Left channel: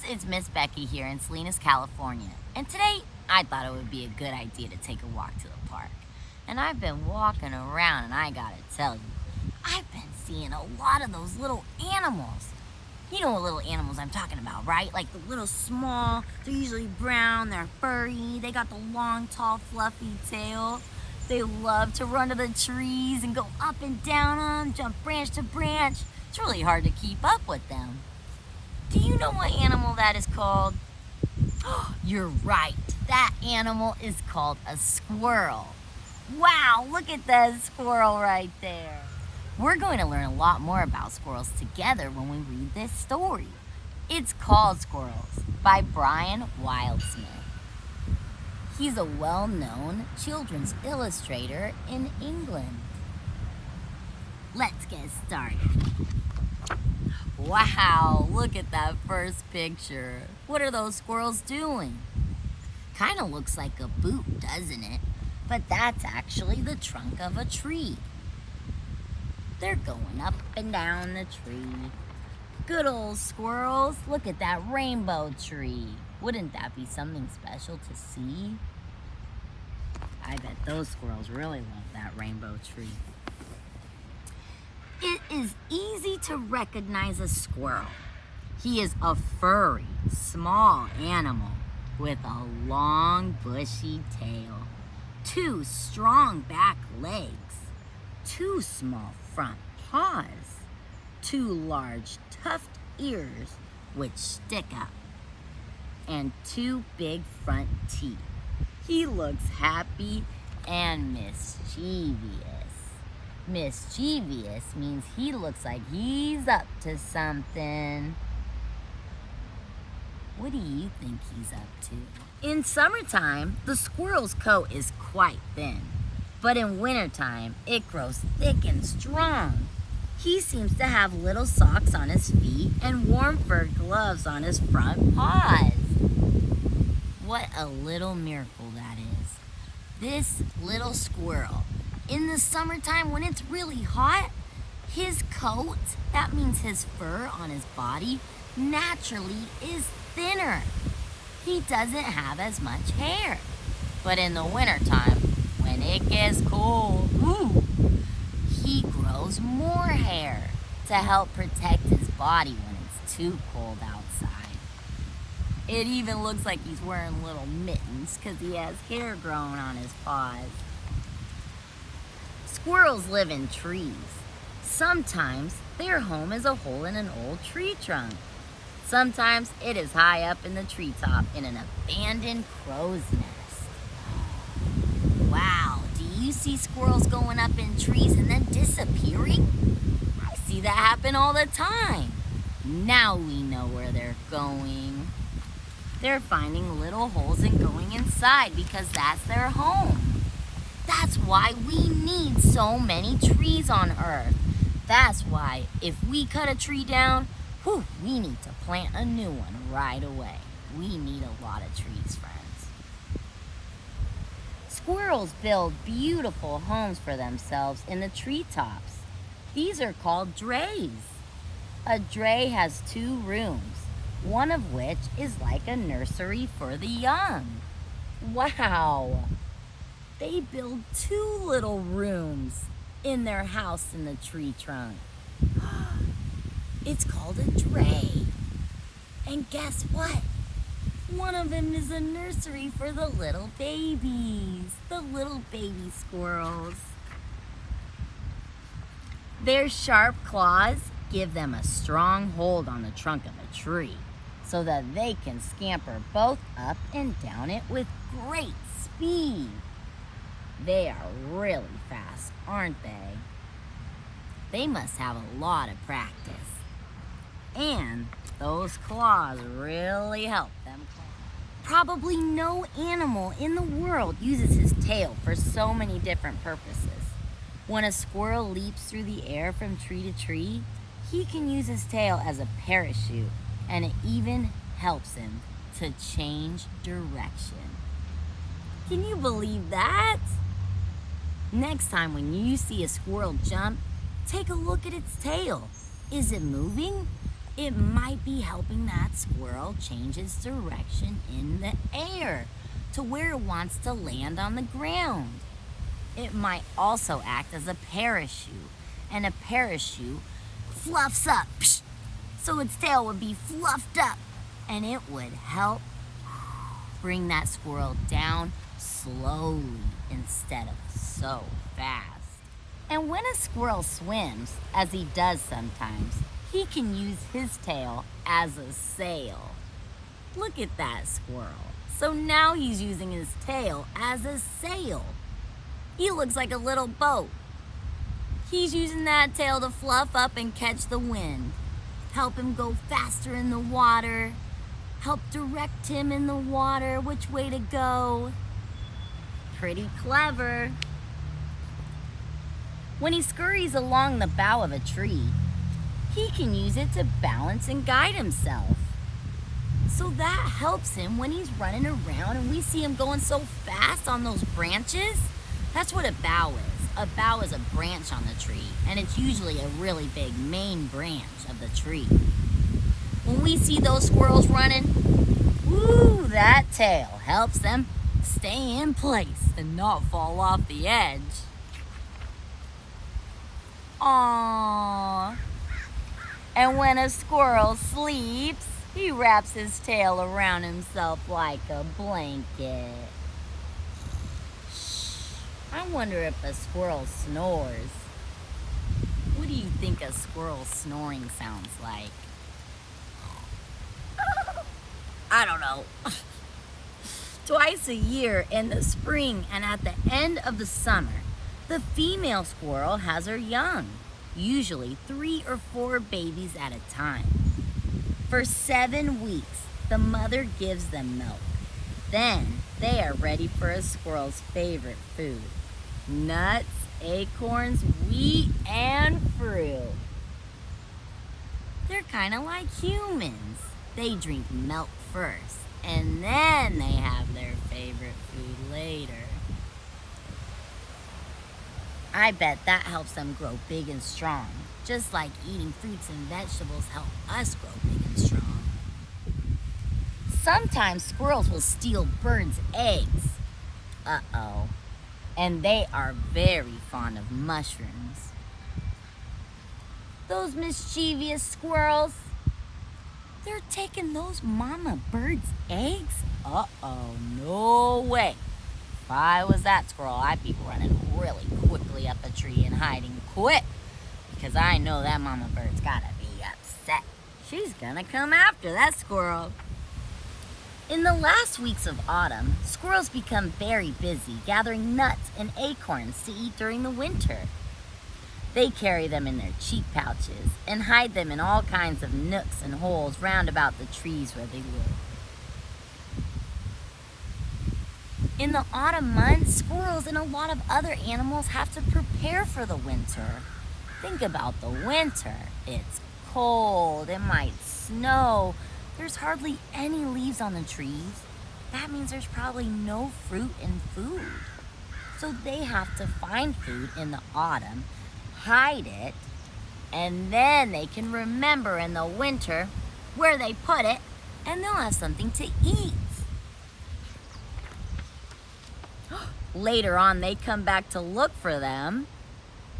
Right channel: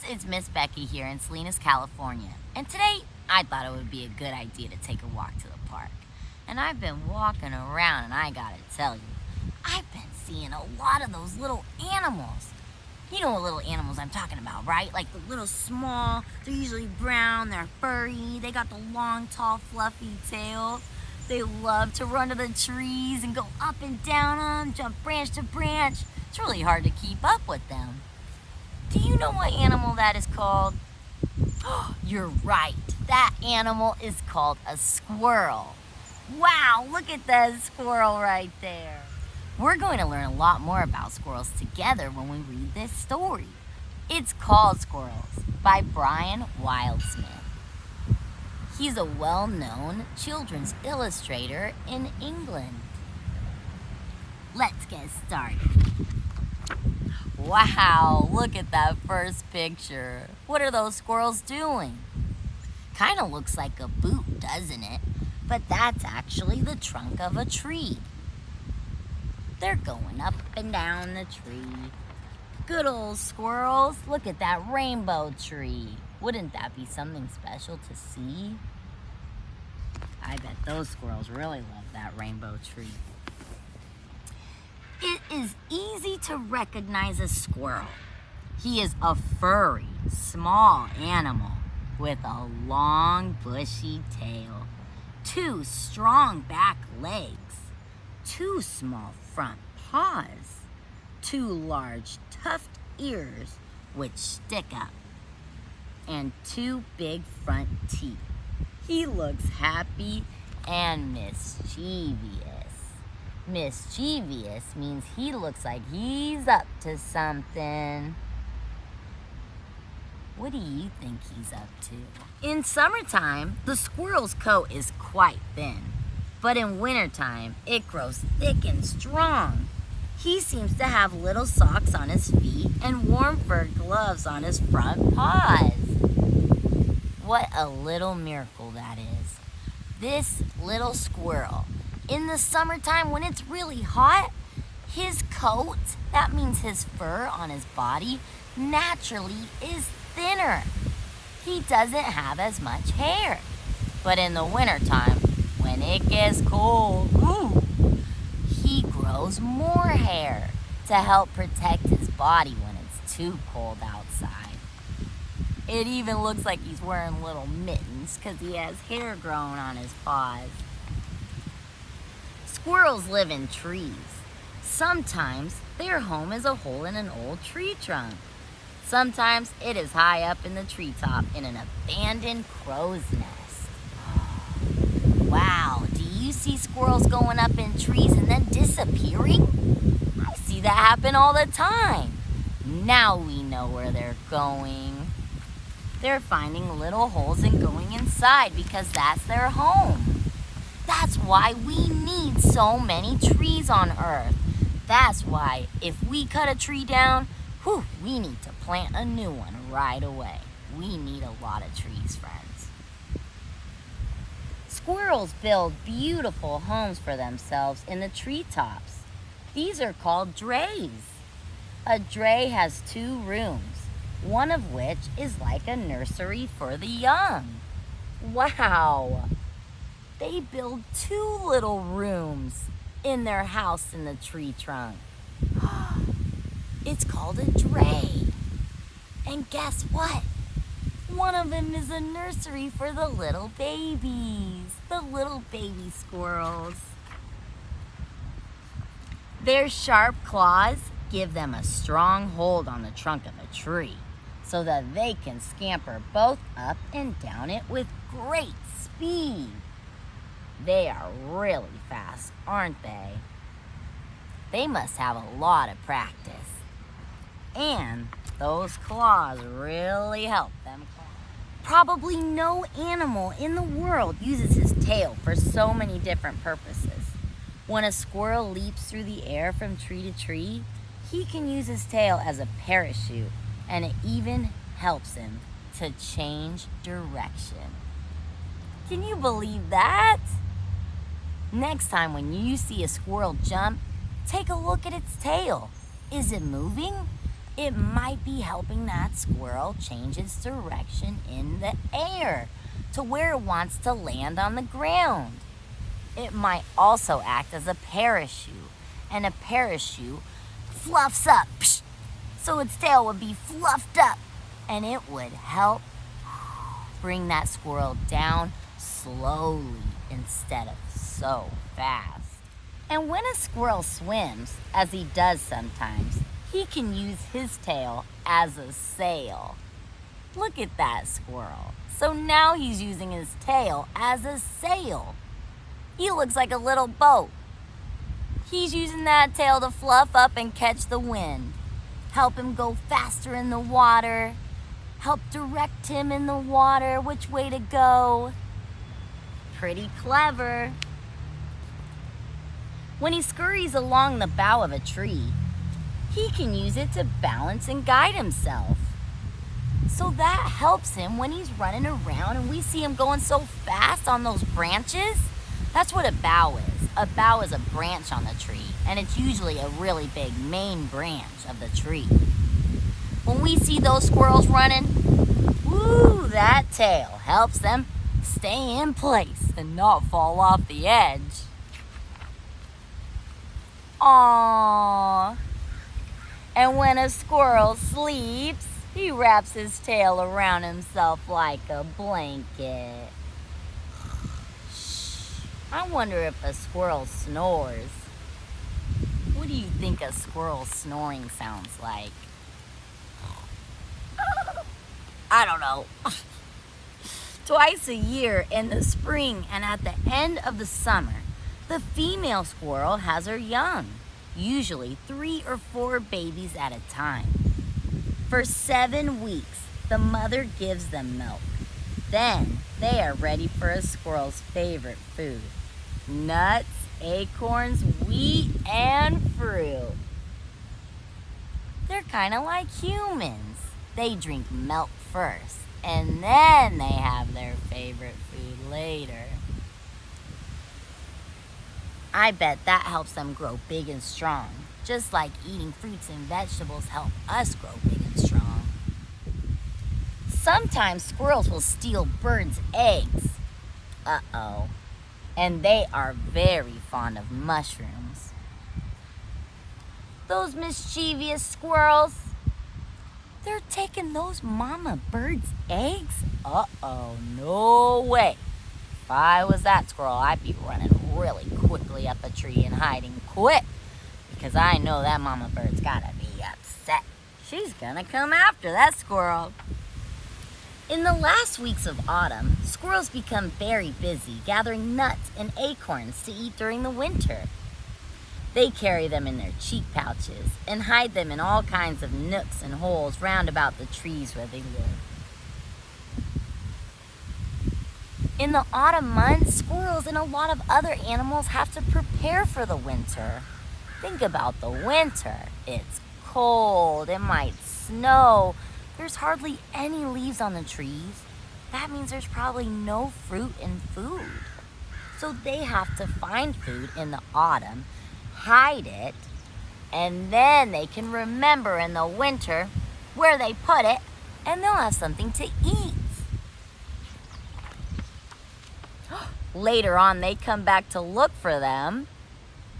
friends, it's Ms Becca here in Salinas, California. And today, I thought it would be a good idea to take a walk to the park. And I've been walking around and I gotta tell you, I've been seeing a lot of those little animals. You know what little animals I'm talking about, right? Like the little small, they're usually brown, they're furry, they got the long, tall, fluffy tail. They love to run to the trees and go up and down them, jump branch to branch. It's really hard to keep up with them. Do you know what animal that is called? Oh, you're right. That animal is called a squirrel. Wow, look at that squirrel right there. We're going to learn a lot more about squirrels together when we read this story. It's called Squirrels by Brian Wildsmith. He's a well-known children's illustrator in England. Let's get started. Wow, look at that first picture. What are those squirrels doing? Kind of looks like a boot, doesn't it? But that's actually the trunk of a tree. They're going up and down the tree. Good old squirrels. Look at that rainbow tree. Wouldn't that be something special to see? I bet those squirrels really love that rainbow tree. It is easy to recognize a squirrel. He is a furry, small animal with a long, bushy tail, 2 strong back legs, 2 small front paws, 2 large tufted ears which stick up, and 2 big front teeth. He looks happy and mischievous. Mischievous means he looks like he's up to something. What do you think he's up to? In summertime, the squirrel's coat is quite thin, but in wintertime, it grows thick and strong. He seems to have little socks on his feet and warm fur gloves on his front paws. What a little miracle that is. This little squirrel, in the summertime when it's really hot, his coat, that means his fur on his body, naturally is thinner. He doesn't have as much hair. But in the wintertime, when it gets cold, he grows more hair to help protect his body when it's too cold outside. It even looks like he's wearing little mittens because he has hair growing on his paws. Squirrels live in trees. Sometimes their home is a hole in an old tree trunk. Sometimes it is high up in the treetop in an abandoned crow's nest. Wow, do you see squirrels going up in trees and then disappearing? I see that happen all the time. Now we know where they're going. They're finding little holes and going inside because that's their home. That's why we need so many trees on Earth. That's why if we cut a tree down, we need to plant a new one right away. We need a lot of trees, friends. Squirrels build beautiful homes for themselves in the treetops. These are called drays. A dray has 2 rooms, one of which is like a nursery for the young. Wow! They build 2 little rooms in their house in the tree trunk. It's called a dray. And guess what? One of them is a nursery for the little babies, the little baby squirrels. Their sharp claws give them a strong hold on the trunk of a tree so that they can scamper both up and down it with great speed. They are really fast, aren't they? They must have a lot of practice. And those claws really help them climb. Probably no animal in the world uses his tail for so many different purposes. When a squirrel leaps through the air from tree to tree, he can use his tail as a parachute, and it even helps him to change direction. Can you believe that? Next time when you see a squirrel jump, take a look at its tail. Is it moving? It might be helping that squirrel change its direction in the air to where it wants to land on the ground. It might also act as a parachute, and a parachute fluffs up, so its tail would be fluffed up, and it would help bring that squirrel down slowly instead of so fast. And when a squirrel swims, as he does sometimes, he can use his tail as a sail. Look at that squirrel. So now he's using his tail as a sail. He looks like a little boat. He's using that tail to fluff up and catch the wind, help him go faster in the water, help direct him in the water which way to go. Pretty clever. When he scurries along the bough of a tree, he can use it to balance and guide himself. So that helps him when he's running around and we see him going so fast on those branches. That's what a bough is. A bough is a branch on the tree, and it's usually a really big main branch of the tree. When we see those squirrels running, woo, that tail helps them stay in place and not fall off the edge. Aww. And when a squirrel sleeps, he wraps his tail around himself like a blanket. I wonder if a squirrel snores. What do you think a squirrel snoring sounds like? I don't know. Twice a year in the spring and at the end of the summer, the female squirrel has her young, usually 3 or 4 babies at a time. For 7 weeks, the mother gives them milk. Then they are ready for a squirrel's favorite food: nuts, acorns, wheat, and fruit. They're kind of like humans. They drink milk first, and then they have their favorite food later. I bet that helps them grow big and strong, just like eating fruits and vegetables help us grow big and strong. Sometimes squirrels will steal birds' eggs. Uh-oh. And they are very fond of mushrooms. Those mischievous squirrels, they're taking those mama birds' eggs? Uh-oh, no way. If I was that squirrel, I'd be running really quickly up a tree and hiding quick, because I know that mama bird's gotta be upset. She's gonna come after that squirrel. In the last weeks of autumn, squirrels become very busy gathering nuts and acorns to eat during the winter. They carry them in their cheek pouches and hide them in all kinds of nooks and holes round about the trees where they live. In the autumn months, squirrels and a lot of other animals have to prepare for the winter. Think about the winter. It's cold, it might snow. There's hardly any leaves on the trees. That means there's probably no fruit and food. So they have to find food in the autumn, hide it, and then they can remember in the winter where they put it, and they'll have something to eat. Later on, they come back to look for them,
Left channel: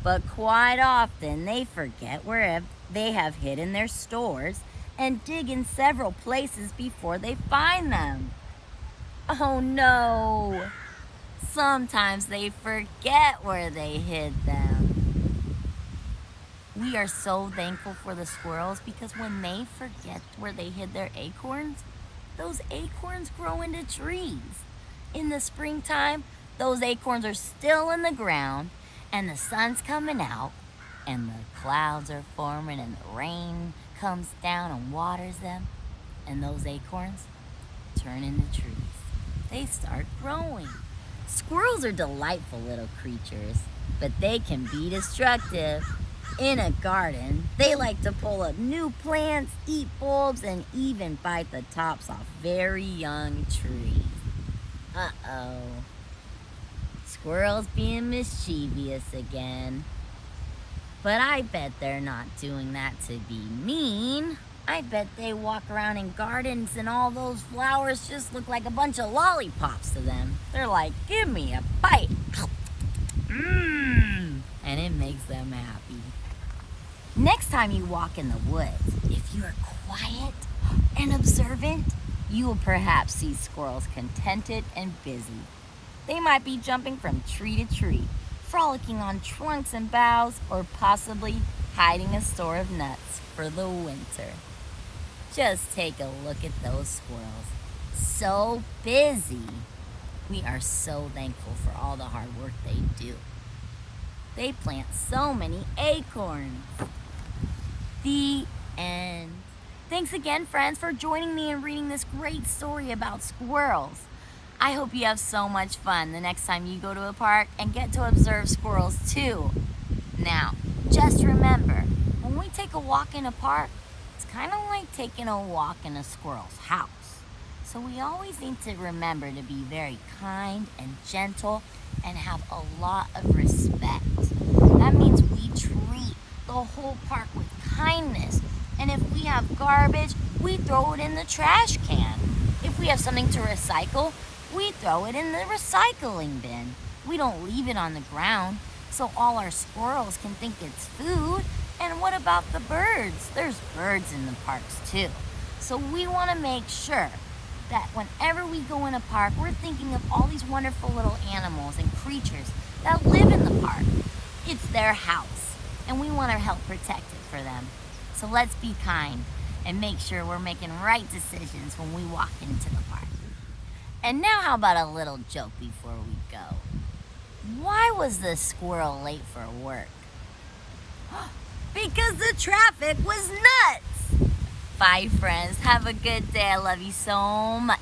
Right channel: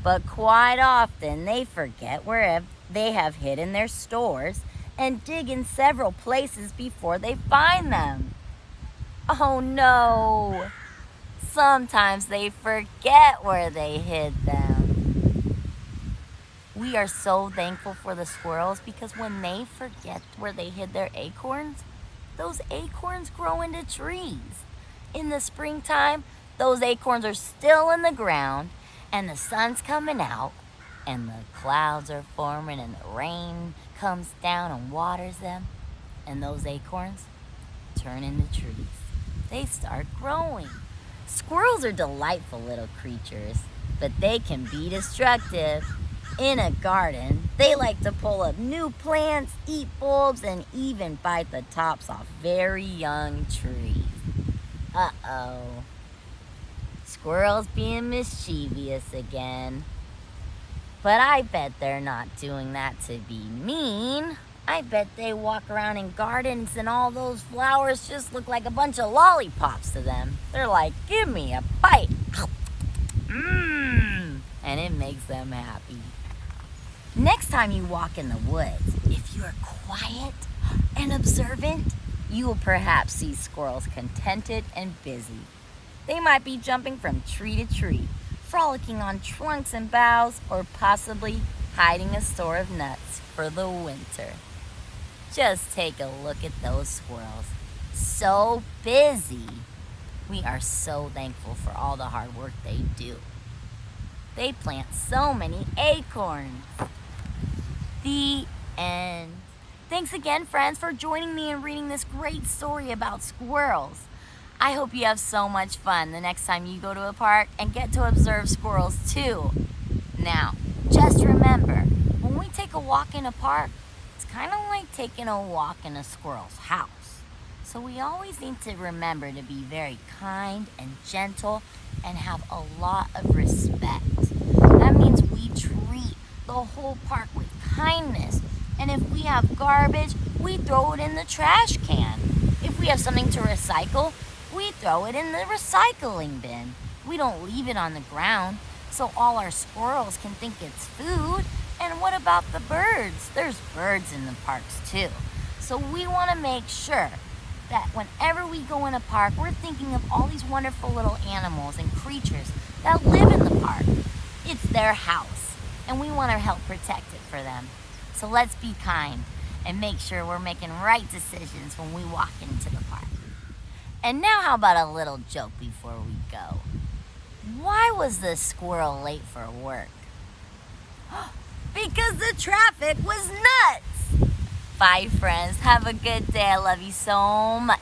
but quite often they forget where they have hidden their stores and dig in several places before they find them. Oh no! Sometimes they forget where they hid them. We are so thankful for the squirrels because when they forget where they hid their acorns, those acorns grow into trees. In the springtime, those acorns are still in the ground and the sun's coming out and the clouds are forming and the rain comes down and waters them, and those acorns turn into trees. They start growing. Squirrels are delightful little creatures, but they can be destructive. In a garden, they like to pull up new plants, eat bulbs, and even bite the tops off very young trees. Uh-oh. Squirrels being mischievous again. But I bet they're not doing that to be mean. I bet they walk around in gardens and all those flowers just look like a bunch of lollipops to them. They're like, give me a bite. Mmm. And it makes them happy. Next time you walk in the woods, if you're quiet and observant, you will perhaps see squirrels contented and busy. They might be jumping from tree to tree, frolicking on trunks and boughs, or possibly hiding a store of nuts for the winter. Just take a look at those squirrels. So busy. We are so thankful for all the hard work they do. They plant so many acorns. The end. Thanks again, friends, for joining me in reading this great story about squirrels. I hope you have so much fun the next time you go to a park and get to observe squirrels too. Now, just remember, when we take a walk in a park, it's kind of like taking a walk in a squirrel's house. So we always need to remember to be very kind and gentle and have a lot of respect. That means we treat the whole park with kindness. And if we have garbage, we throw it in the trash can. If we have something to recycle, we throw it in the recycling bin. We don't leave it on the ground so all our squirrels can think it's food. And what about the birds? There's birds in the parks too. So we want to make sure that whenever we go in a park, we're thinking of all these wonderful little animals and creatures that live in the park. It's their house, and we want to help protect it for them. So let's be kind and make sure we're making right decisions when we walk into the park. And now how about a little joke before we go? Why was the squirrel late for work? Because the traffic was nuts. Bye, friends. Have a good day. I love you so much.